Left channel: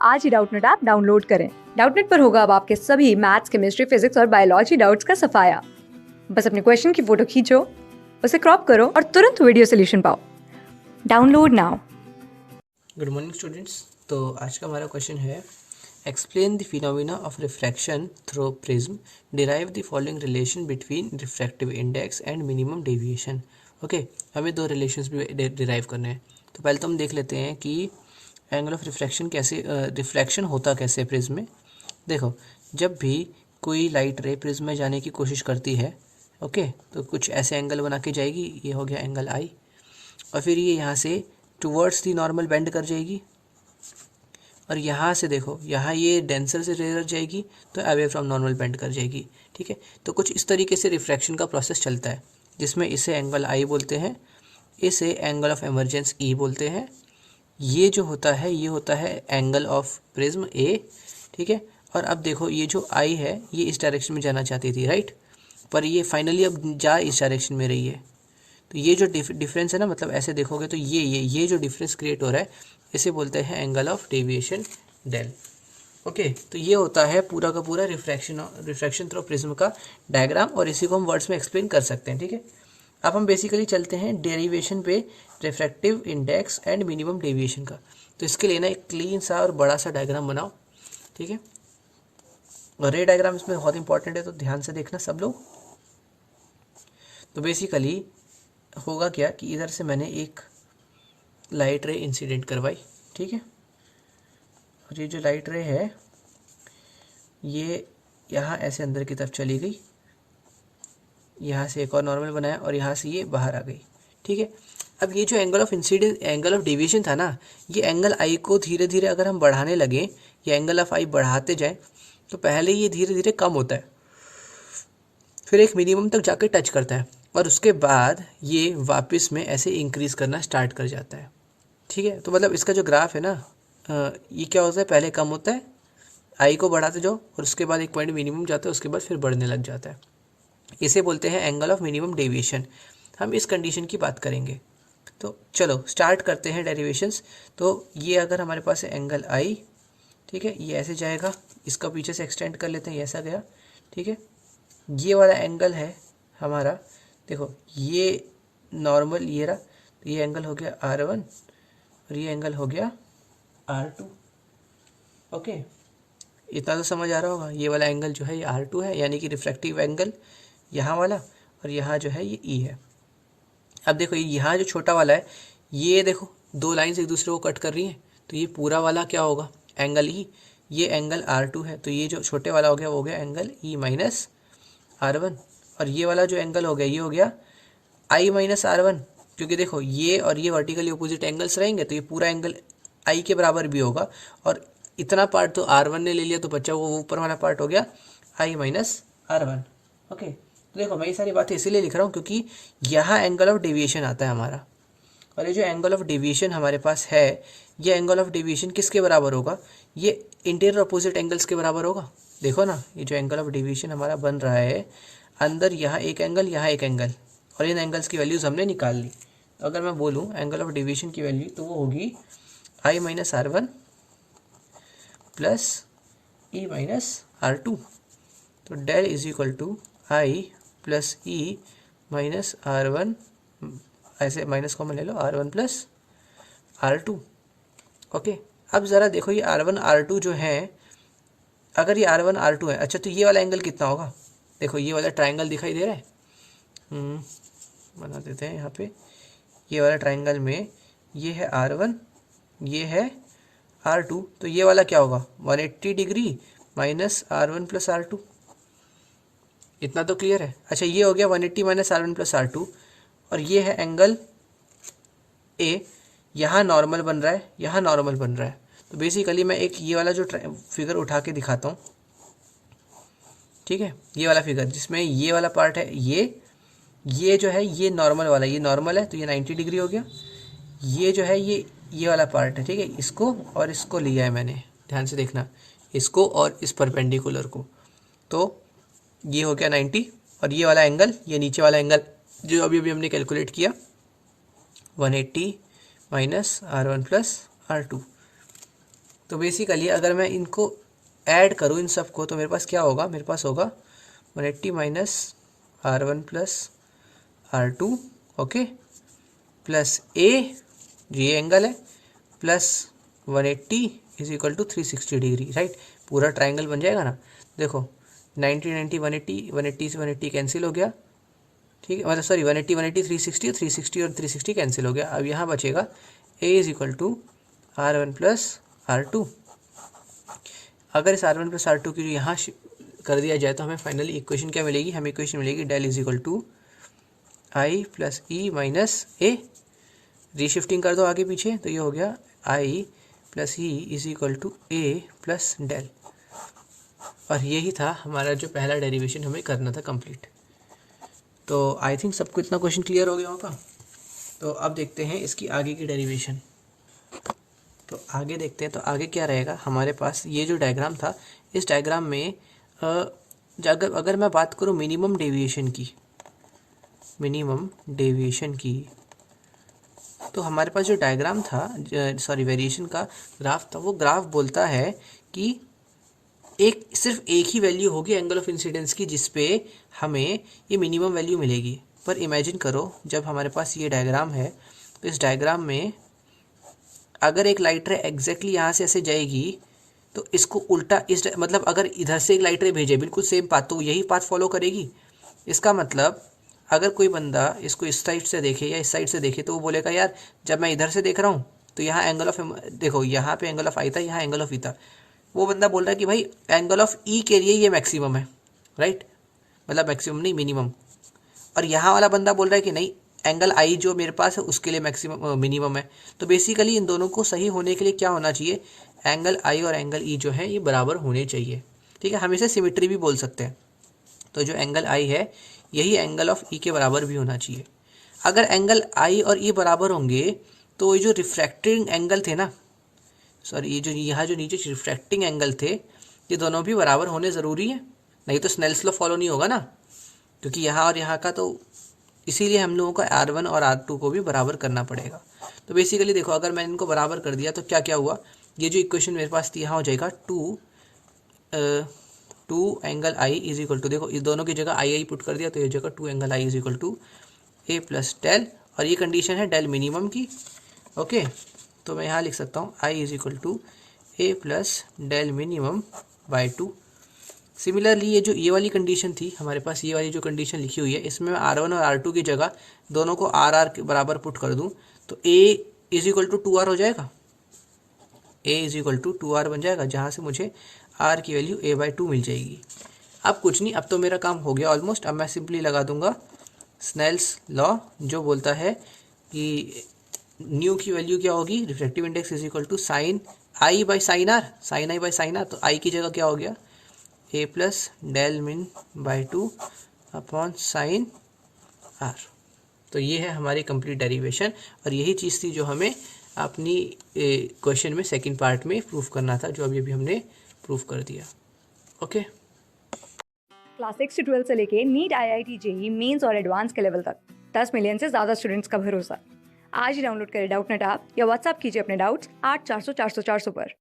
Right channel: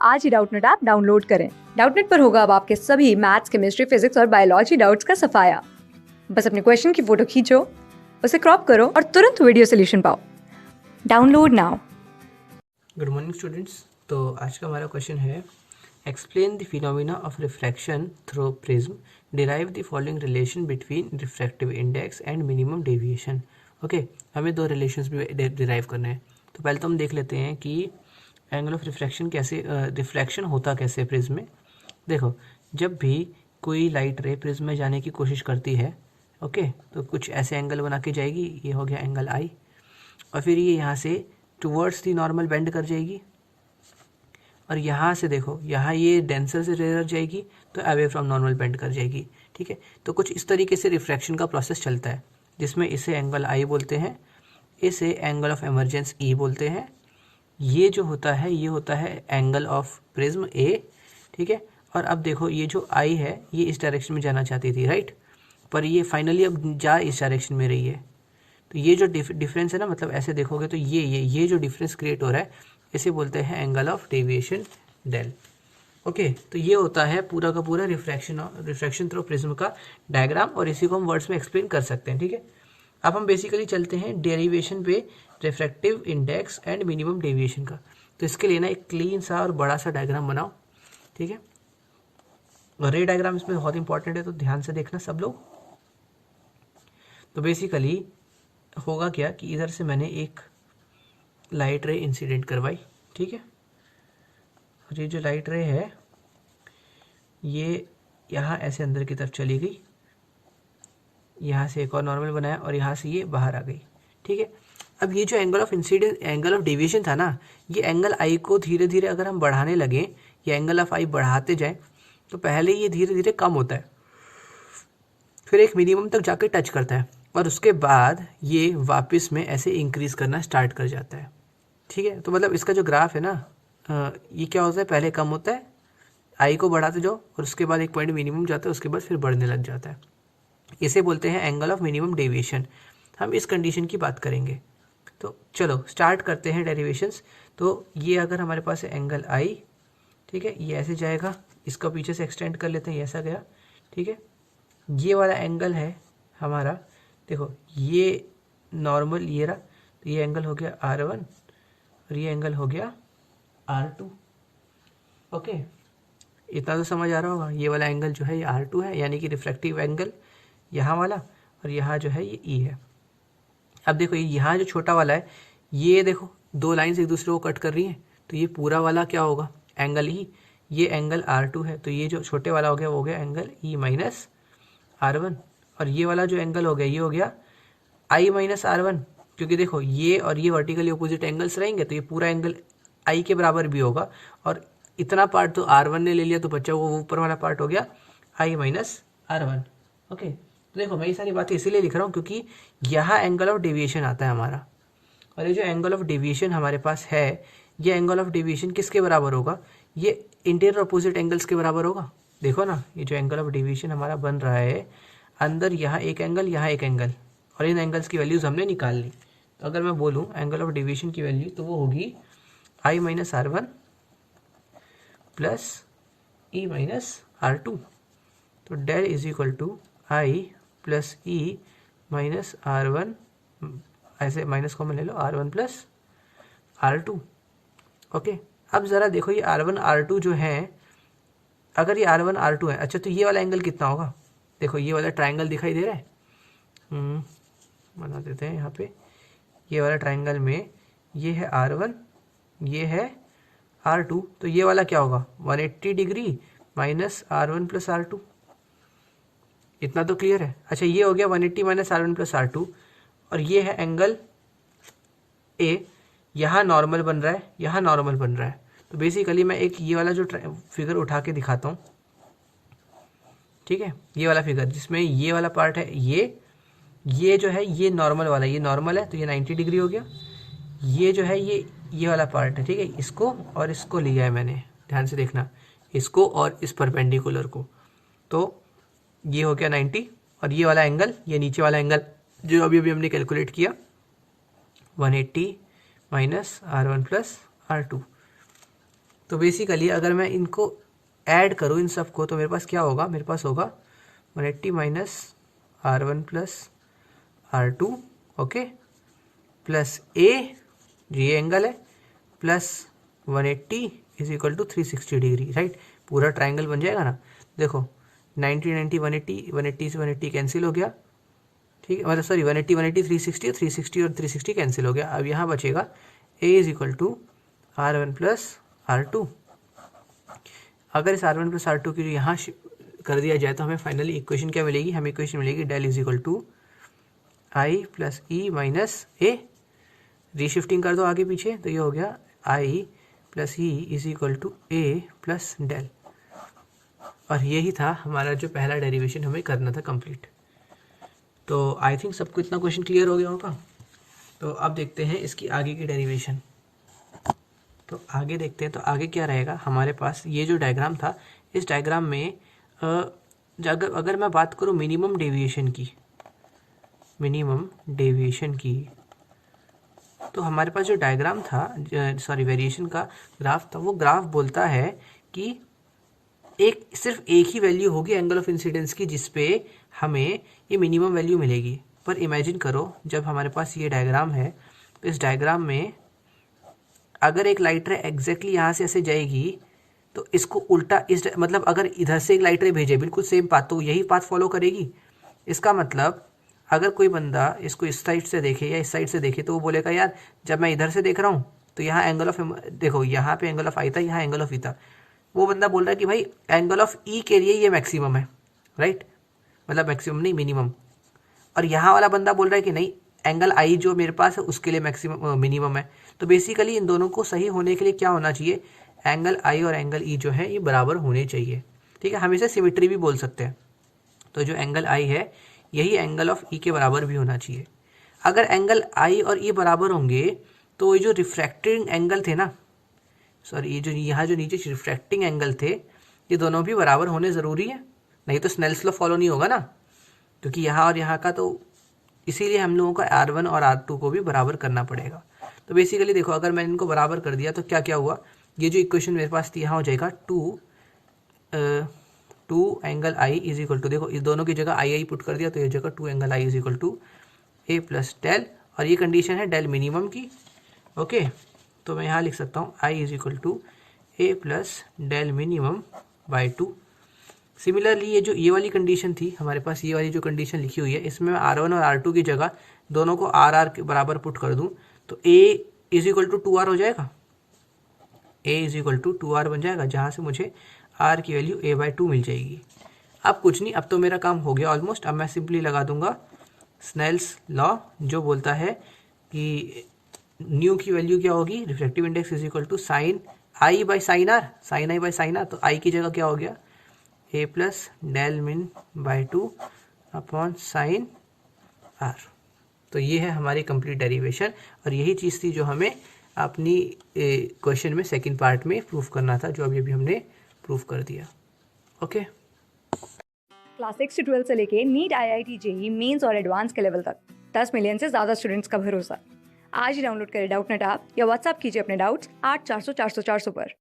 आज ही Doubtnut app download करें। Doubtnut पर होगा अब आपके सभी मैथ्स, केमिस्ट्री, फिजिक्स और बायोलॉजी डाउट्स का सफाया। बस अपने क्वेश्चन की फोटो खींचो, उसे क्रॉप करो और तुरंत वीडियो सोल्यूशन पाओ। Download now. Good morning students. तो आज का हमारा क्वेश्चन है explain the phenomena of refraction through prism, derive the following relation between refractive index and minimum deviation. Okay, हमें दो रिलेशंस भी डिराइव करने हैं। तो पहले तो हम देख लेते हैं कि एंगल ऑफ रिफ्रैक्शन कैसे रिफ्रैक्शन होता कैसे है प्रिज्म में। देखो, जब भी कोई लाइट रे प्रिज्म में जाने की कोशिश करती है, ओके, तो कुछ ऐसे एंगल बना के जाएगी। ये हो गया एंगल आई, और फिर ये यहाँ से टुवर्ड्स दी नॉर्मल बेंड कर जाएगी, और यहाँ से देखो, यहाँ ये डेंसर से रेयर जाएगी तो अवे फ्रॉम नॉर्मल बेंड कर जाएगी। ठीक है, तो कुछ इस तरीके से रिफ्रैक्शन का प्रोसेस चलता है, जिसमें इसे एंगल आई बोलते हैं, इसे एंगल ऑफ एमरजेंस ई बोलते हैं। ये जो होता है ये होता है एंगल ऑफ प्रिज्म ए। ठीक है, और अब देखो, ये जो आई है ये इस डायरेक्शन में जाना चाहती थी, राइट, पर ये फाइनली अब जा इस डायरेक्शन में रही है। तो ये जो डिफरेंस है ना, मतलब ऐसे देखोगे तो ये जो डिफरेंस क्रिएट हो रहा है, इसे बोलते हैं एंगल ऑफ डेविएशन डेल। ओके, तो ये होता है पूरा का पूरा रिफ्रैक्शन थ्रू प्रिज्म का डायग्राम, और इसी को हम वर्ड्स में एक्सप्लेन कर सकते हैं। ठीक है, अब हम बेसिकली चलते हैं डेरिवेशन पे refractive index and minimum deviation का। तो इसके लिए ना एक क्लीन सा और बड़ा सा डायग्राम बनाओ। ठीक है, और रे डायग्राम इसमें बहुत इंपॉर्टेंट है, तो ध्यान से देखना सब लोग। तो बेसिकली होगा क्या कि इधर से मैंने एक लाइट रे इंसिडेंट करवाई। ठीक है, और ये जो लाइट रे है ये यहाँ ऐसे अंदर की तरफ चली गई, यहाँ से एक और नॉर्मल बनाया, और यहाँ से ये बाहर आ गई। ठीक है, अब ये जो angle of incidence, angle of deviation था ना, ये एंगल आई को धीरे धीरे अगर हम बढ़ाने लगे, ये एंगल ऑफ आई बढ़ाते जाएं, तो पहले ये धीरे धीरे कम होता है, फिर एक मिनिमम तक जाके टच करता है, और उसके बाद ये वापस में ऐसे इंक्रीज करना स्टार्ट कर जाता है। ठीक है, तो मतलब इसका जो ग्राफ है ना, ये क्या होता है, पहले कम होता है, आई को बढ़ाते जाओ, और उसके बाद एक पॉइंट मिनिमम जाता है, उसके बाद फिर बढ़ने लग जाता है। इसे बोलते हैं एंगल ऑफ मिनिमम डेविएशन। हम इस कंडीशन की बात करेंगे। तो चलो स्टार्ट करते हैं डेरिवेशंस। तो ये अगर हमारे पास है एंगल आई, ठीक है, ये ऐसे जाएगा, इसका पीछे से एक्सटेंड कर लेते हैं, ये ऐसा गया। ठीक है, ये वाला एंगल है हमारा, देखो ये नॉर्मल ये रहा, तो ये एंगल हो गया R1 और ये एंगल हो गया R2। ओके, इतना तो समझ आ रहा होगा। ये वाला एंगल जो है ये R2 है, यानी कि रिफ्रैक्टिव एंगल यहाँ वाला, और यहाँ जो है ये E है। अब देखो, ये यहाँ जो छोटा वाला है, ये देखो दो लाइन्स एक दूसरे को कट कर रही हैं, तो ये पूरा वाला क्या होगा, एंगल E। ये एंगल R2 है, तो ये जो छोटे वाला हो गया वो हो गया एंगल E माइनस R1, और ये वाला जो एंगल हो गया ये हो गया I माइनस R1, क्योंकि देखो ये और ये वर्टिकली अपोजिट एंगल्स रहेंगे, तो ये पूरा एंगल I के बराबर भी होगा, और इतना पार्ट तो R1 ने ले लिया, तो बच्चा वो ऊपर वाला पार्ट हो गया I माइनस R1। ओके, तो देखो मैं ये सारी बातें इसीलिए लिख रहा हूँ क्योंकि यहाँ एंगल ऑफ डेविएशन आता है हमारा, और ये जो एंगल ऑफ डेविएशन हमारे पास है, ये एंगल ऑफ डेविएशन किसके बराबर होगा, ये इंटीरियर अपोजिट एंगल्स के बराबर होगा। देखो ना, ये जो एंगल ऑफ डेविएशन हमारा बन रहा है, अंदर यहाँ एक एंगल, यहाँ एक एंगल, और इन एंगल्स की वैल्यूज़ हमने निकाल ली। तो अगर मैं बोलूँ एंगल ऑफ डेविएशन की वैल्यू, तो वो होगी I minus R1 plus E minus R2। तो del is equal to I plus E minus R1, ऐसे माइनस कॉमन ले लो, R1 प्लस R2। ओके, अब ज़रा देखो ये R1 R2 जो है, अगर ये R1 R2 है, अच्छा तो ये वाला एंगल कितना होगा, देखो ये वाला ट्राइंगल दिखाई दे रहा है, बना देते हैं यहाँ पे। ये वाला ट्राइंगल में ये है R1, ये है R2, तो ये वाला क्या होगा, 180 degree minus R1 plus R2। इतना तो क्लियर है। अच्छा, ये हो गया 180 माइनस R1 प्लस R2, और ये है एंगल A, यहाँ नॉर्मल बन रहा है, यहाँ नॉर्मल बन रहा है। तो बेसिकली मैं एक ये वाला जो फिगर उठा के दिखाता हूँ, ठीक है, ये वाला फिगर जिसमें ये वाला पार्ट है, ये जो है ये नॉर्मल वाला, ये नॉर्मल है, तो ये 90 डिग्री हो गया। ये जो है ये वाला पार्ट है, ठीक है, इसको और इसको लिया है मैंने, ध्यान से देखना, इसको और इस परपेंडिकुलर को, तो ये हो गया 90, और ये वाला एंगल, ये नीचे वाला एंगल जो अभी अभी हमने कैलकुलेट किया, 180 माइनस R1 प्लस R2। तो बेसिकली अगर मैं इनको ऐड करूँ इन सब को तो मेरे पास क्या होगा, मेरे पास होगा 180 minus R1 plus R2, okay, plus A जो ये एंगल है plus 180 is equal to 360 degree, right. पूरा ट्राइंगल बन जाएगा ना। देखो 90 90 180, 180 से 180 कैंसिल हो गया, ठीक है, मतलब सॉरी 180 180 360, 360 और 360 कैंसिल हो गया। अब यहाँ बचेगा a is equal to R1 plus R2। अगर इस R1 प्लस R2 की यहाँ कर दिया जाए तो हमें फाइनली इक्वेशन क्या मिलेगी, हमें इक्वेशन मिलेगी del is equal to I plus E minus A. Reshifting कर दो आगे पीछे तो ये हो गया I plus E is equal to A plus del. और यही था हमारा जो पहला डेरिवेशन हमें करना था कंप्लीट। तो आई थिंक सबको इतना क्वेश्चन क्लियर हो गया होगा। तो अब देखते हैं इसकी आगे की डेरिवेशन। तो आगे देखते हैं, तो आगे क्या रहेगा हमारे पास। ये जो डायग्राम था, इस डायग्राम में अगर मैं बात करूँ मिनिमम डेविएशन की, तो हमारे पास जो डायग्राम था, सॉरी वेरिएशन का ग्राफ था, वो ग्राफ बोलता है कि सिर्फ एक ही वैल्यू होगी एंगल ऑफ इंसिडेंस की जिसपे हमें ये मिनिमम वैल्यू मिलेगी। पर इमेजिन करो जब हमारे पास ये डायग्राम है, तो इस डायग्राम में अगर एक लाइट रे एग्जैक्टली यहाँ से ऐसे जाएगी तो इसको उल्टा मतलब अगर इधर से एक लाइट रे भेजे बिल्कुल सेम पाथ, तो यही पाथ फॉलो करेगी। इसका मतलब अगर कोई बंदा इसको इस साइड से देखे या इस साइड से देखे तो वो बोलेगा यार जब मैं इधर से देख रहा हूँ तो यहाँ एंगल ऑफ, देखो यहाँ पे एंगल ऑफ आई था, यहाँ एंगल ऑफ ई था। वो बंदा बोल रहा है कि भाई एंगल ऑफ ई के लिए ये मैक्सिमम है, राइट, मतलब मैक्सिमम नहीं मिनिमम। और यहाँ वाला बंदा बोल रहा है कि नहीं एंगल आई जो मेरे पास है उसके लिए मैक्सिमम मिनिमम है। तो बेसिकली इन दोनों को सही होने के लिए क्या होना चाहिए, एंगल आई और एंगल ई जो है ये बराबर होने चाहिए, ठीक है। हम इसे सिमिट्री भी बोल सकते हैं। तो जो एंगल आई है यही एंगल ऑफ ई के बराबर भी होना चाहिए। अगर एंगल आई और ई बराबर होंगे तो ये जो रिफ्रैक्टिंग एंगल थे ना, सॉरी ये जो यहाँ जो नीचे रिफ्रैक्टिंग एंगल थे, ये दोनों भी बराबर होने ज़रूरी है, नहीं तो स्नेल्स लॉ फॉलो नहीं होगा ना, क्योंकि यहाँ और यहाँ का। तो इसीलिए हम लोगों को R1 और R2 को भी बराबर करना पड़ेगा। तो बेसिकली देखो अगर मैंने इनको बराबर कर दिया तो क्या क्या हुआ, ये जो इक्वेशन मेरे पास थी यहाँ हो जाएगा 2 angle I is equal to, देखो इस दोनों की जगह आई पुट कर दिया तो ये जगह 2 angle I is equal to A plus del, और ये कंडीशन है डेल मिनिमम की, ओके। तो मैं यहाँ लिख सकता हूँ I is equal to A plus del minimum by 2। Similarly ये वाली कंडीशन थी हमारे पास, ये वाली जो कंडीशन लिखी हुई है, इसमें मैं R1 और R2 की जगह दोनों को R के बराबर पुट कर दूँ तो A is equal to 2R हो जाएगा, A is equal to 2R बन जाएगा, जहाँ से मुझे R की वैल्यू A/2 मिल जाएगी। अब कुछ नहीं, अब तो मेरा काम हो गया ऑलमोस्ट। अब मैं सिंपली लगा दूंगा स्नेल्स लॉ जो बोलता है कि न्यू की वैल्यू क्या होगी, refractive index is equal to sine I by sine R, sine I by sine R. तो आई की जगह क्या हो गया A plus del min by 2 upon sine R. तो ये है हमारी कंप्लीट डेरिवेशन, और यही चीज़ थी जो हमें अपनी क्वेश्चन में सेकंड पार्ट में प्रूफ करना था, जो अभी भी हमने प्रूफ कर दिया, ओके। क्लास 6 से 12 से लेके नीट, IIT, JEE मेंस और एडवांस के लेवल तक 10 मिलियन से ज़्यादा स्टूडेंट्स का भरोसा। आज ही डाउनलोड करें डाउटनेट ऐप या व्हाट्सएप कीजिए अपने डाउट्स 8400 400 400 पर।